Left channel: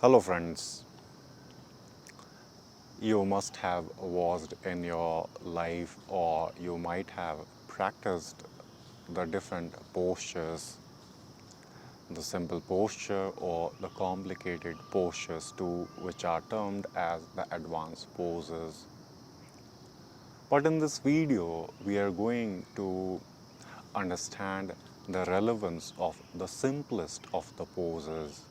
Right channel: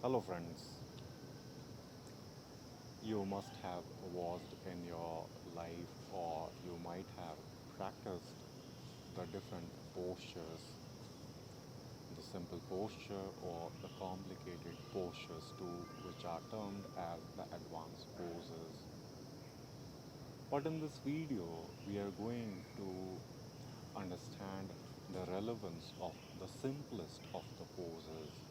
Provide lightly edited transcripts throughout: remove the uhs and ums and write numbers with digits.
Hello friends, you must have watched in your life or you might have practiced the different postures, the simple posture or the complicated postures too, which are termed as the advanced poses. But in this video, we are going to understand the relevance of the simplest of the poses.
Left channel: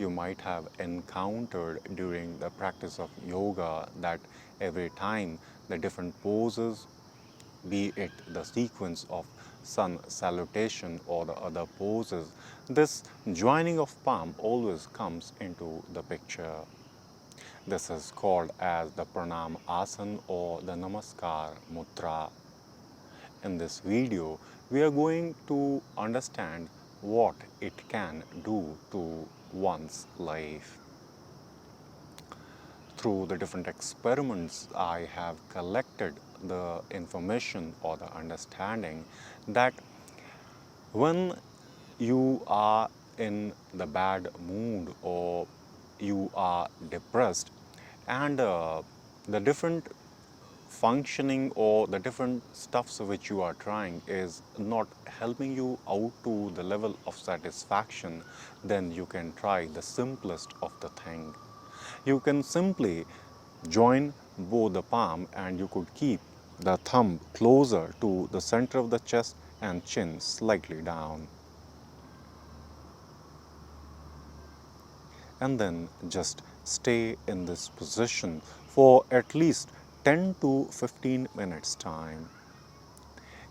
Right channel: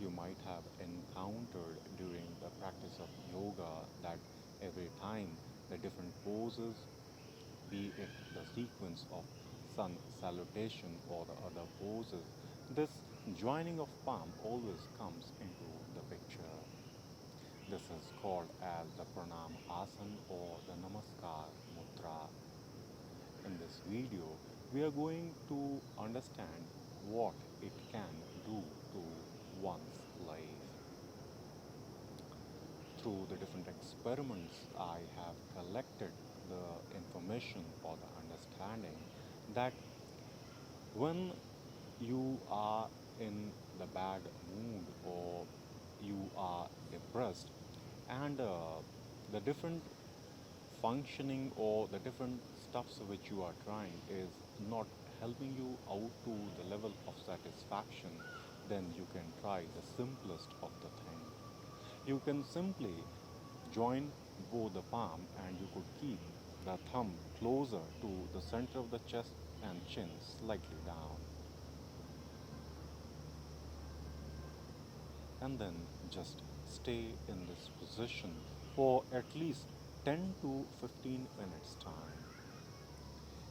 You might have encountered during the practice of yoga that every time the different poses, be it the sequence of sun salutation or the other poses, this joining of palm always comes into the picture. This is called as the pranam asana or the namaskar mudra. In this video, we are going to understand what it can do to one's life. Through the different experiments, I have collected the information or the understanding that when you are in the bad mood or you are depressed and the different functioning or the different stuffs which you are trying is not helping you out to the level of satisfaction, then you can try the simplest of the thing. You can simply join both the palm and you could keep the thumb closer to the center of the chest and chin slightly down. And then just stay in this position for at least 10 to 15 minutes time.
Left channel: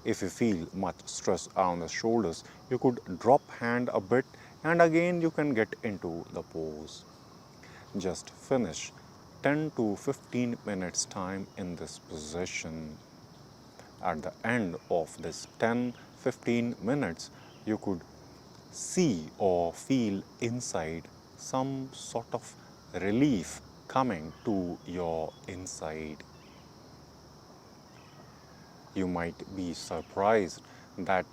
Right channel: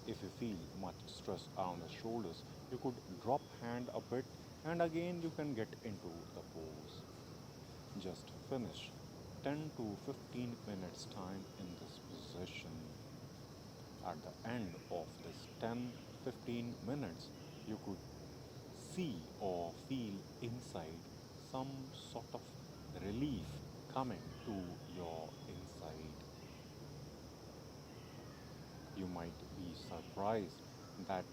If you feel much stress around the shoulders, you could drop hand a bit and again you can get into the pose. Just finish 10 to 15 minutes time in this position. At the end of this 10-15 minutes, you could see or feel inside some sort of relief coming to your inside. You might be surprised that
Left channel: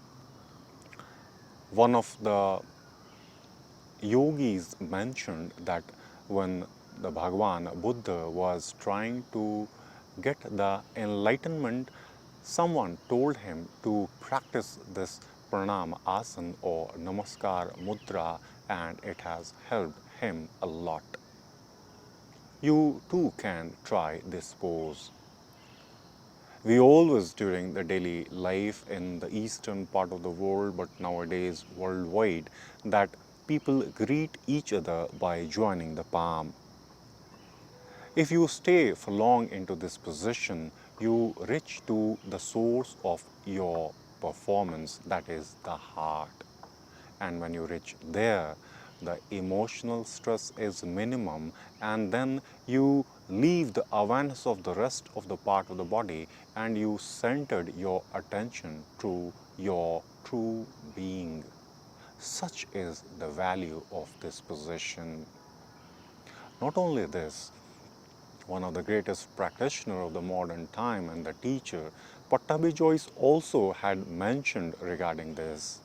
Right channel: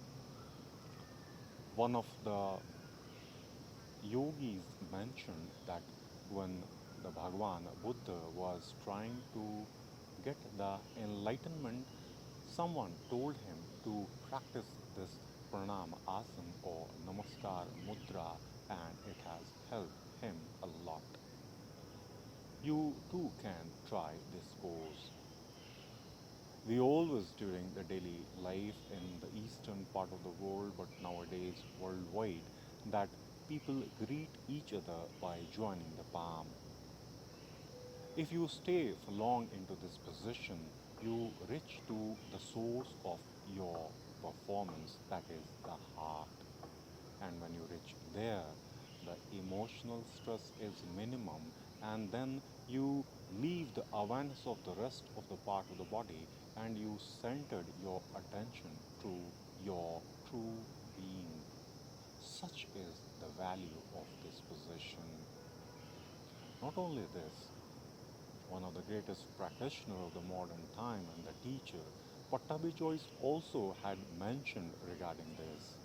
one of the yogis mentioned that when the Bhagwan Buddha was trying to get the enlightenment, someone told him to practice this pranam asana or namaskar mudra, and it has helped him a lot. You too can try this pose. We always during the daily life in the eastern part of the world, but nowadays worldwide, that people greet each other by joining the palm. If you stay for long into this position, you reach to the source of your performance, that is the heart. And when you reach there, the emotional stress is minimum, and then you leave the awareness of the rest of the part of the body and you centered your attention to your true being. Such is the value of this position. Not only this, one of the greatest practitioners of the modern time and the teacher, Pattabhi also had mentioned regarding this.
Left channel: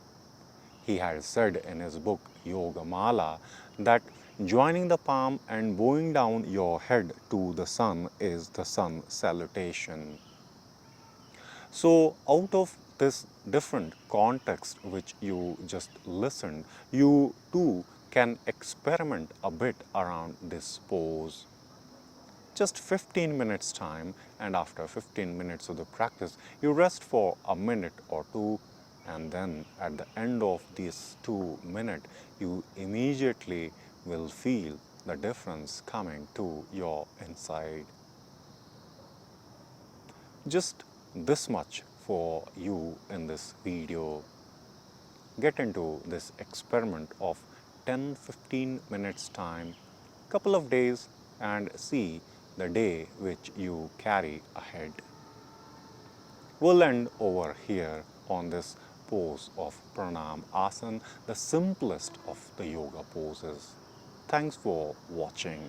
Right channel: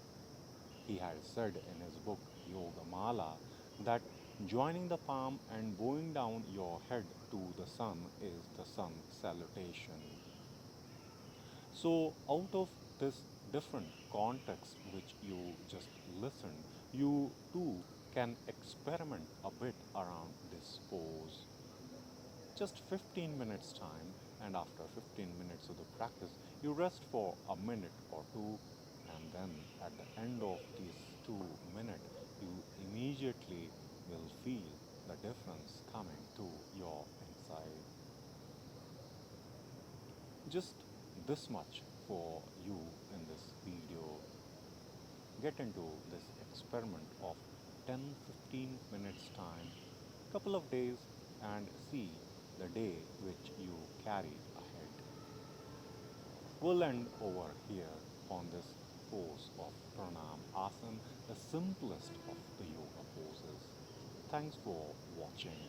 He had said in his book Yoga Mala that joining the palm and bowing down your head to the sun is the sun salutation. So out of this different context which you just listened, you too can experiment a bit around this pose. Just 15 minutes time, and after 15 minutes of the practice, you rest for a minute or two, and then at the end of these 2 minutes, you immediately will feel the difference coming to your inside. Just this much for you in this video. Get into this experiment of 10-15 minutes time, couple of days, and see the day which you carry ahead. We'll end over here on this pose of pranam asana, the simplest of the yoga poses. Thanks for watching.